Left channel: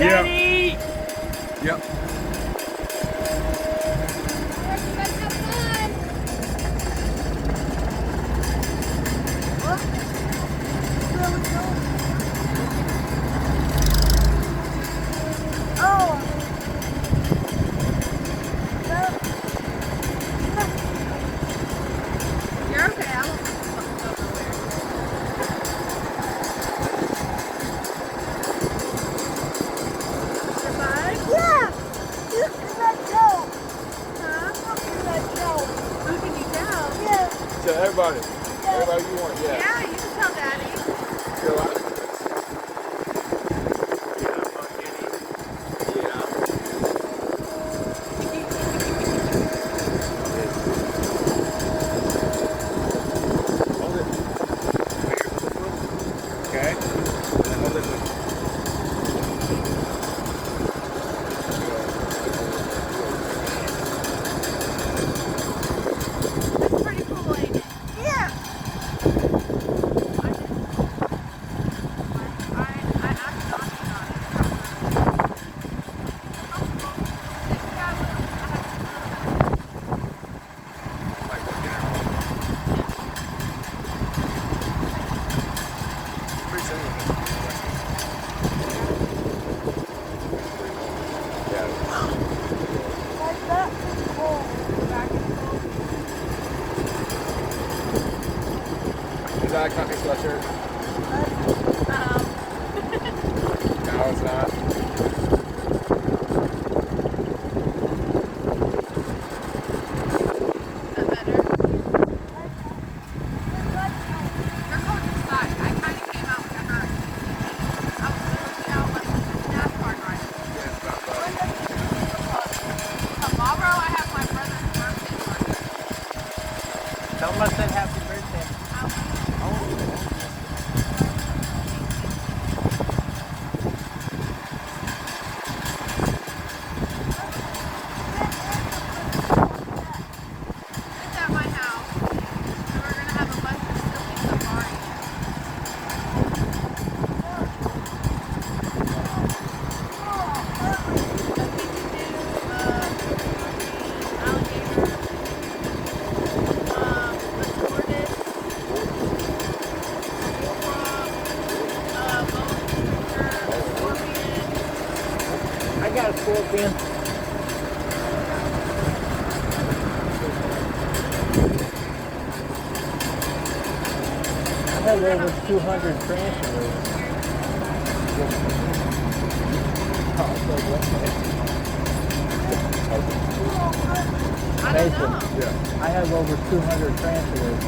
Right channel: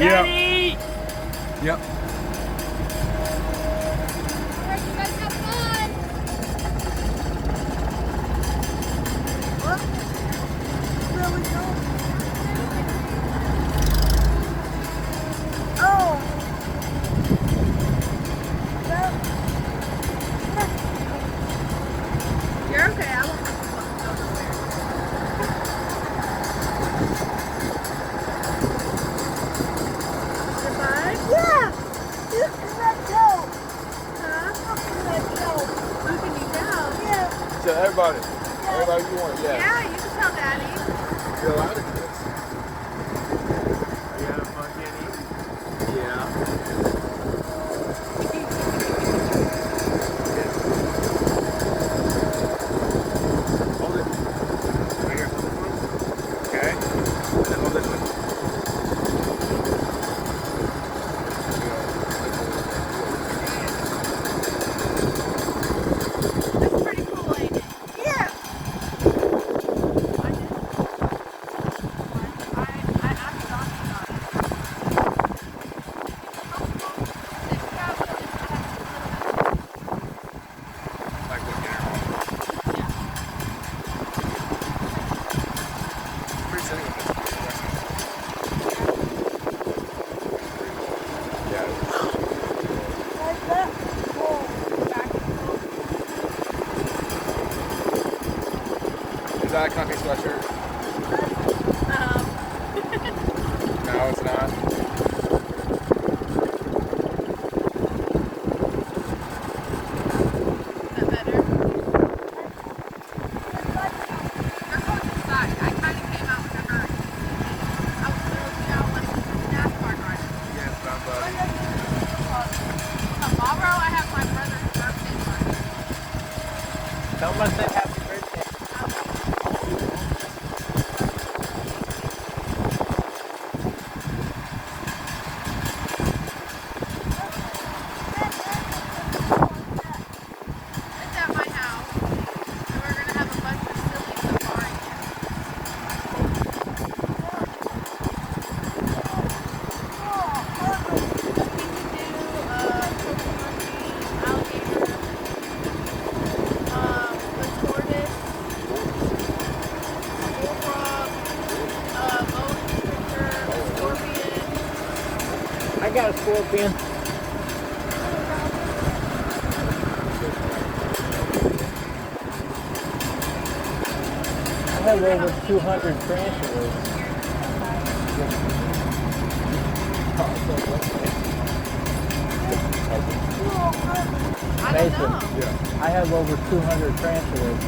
Teddy! Yep. You're okay. I won't. Yeah. You can let go. Huh? Who can you tell? Yeah. So everybody you want, yeah. Yeah, you can tell Daddy. Feel like it? Yeah. Hold it. Right here. Okay. And hold it. That's pretty cool, ain't it? Yeah. Like that. Zach, not your sweatshirt. No, it's not. Someone said happy birthday. At my house. We're gonna have a bunch of silly parties. I got a scorpion. I have over 200 tarantulas. Mason, I have over 200 tarantulas.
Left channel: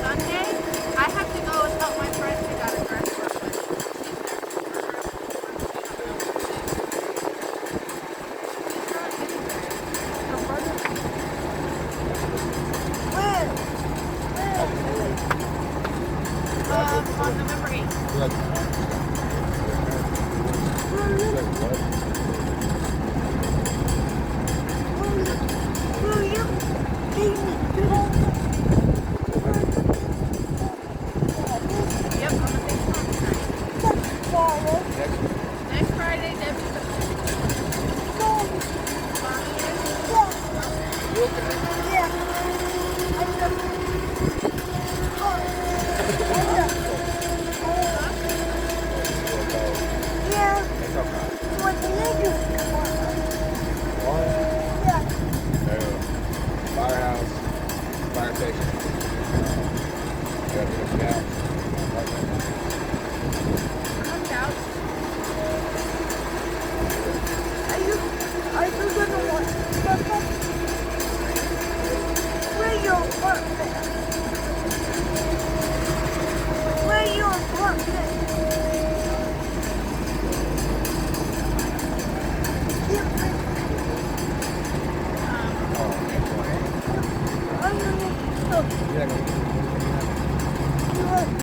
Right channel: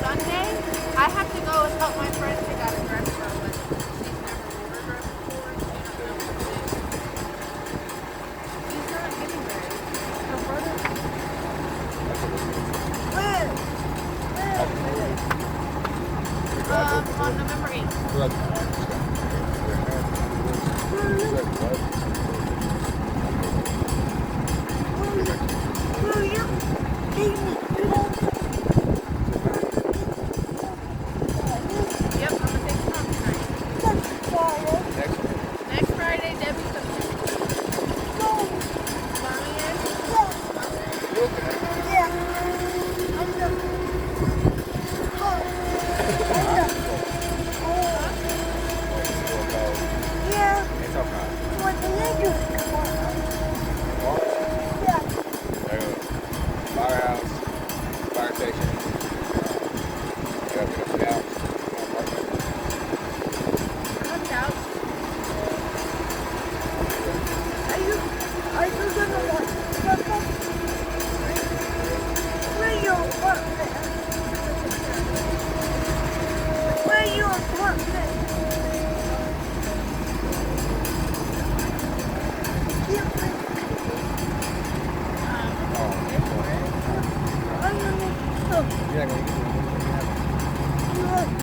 Sunday, I have to go and help my friend who got a restaurant with. On November 8th.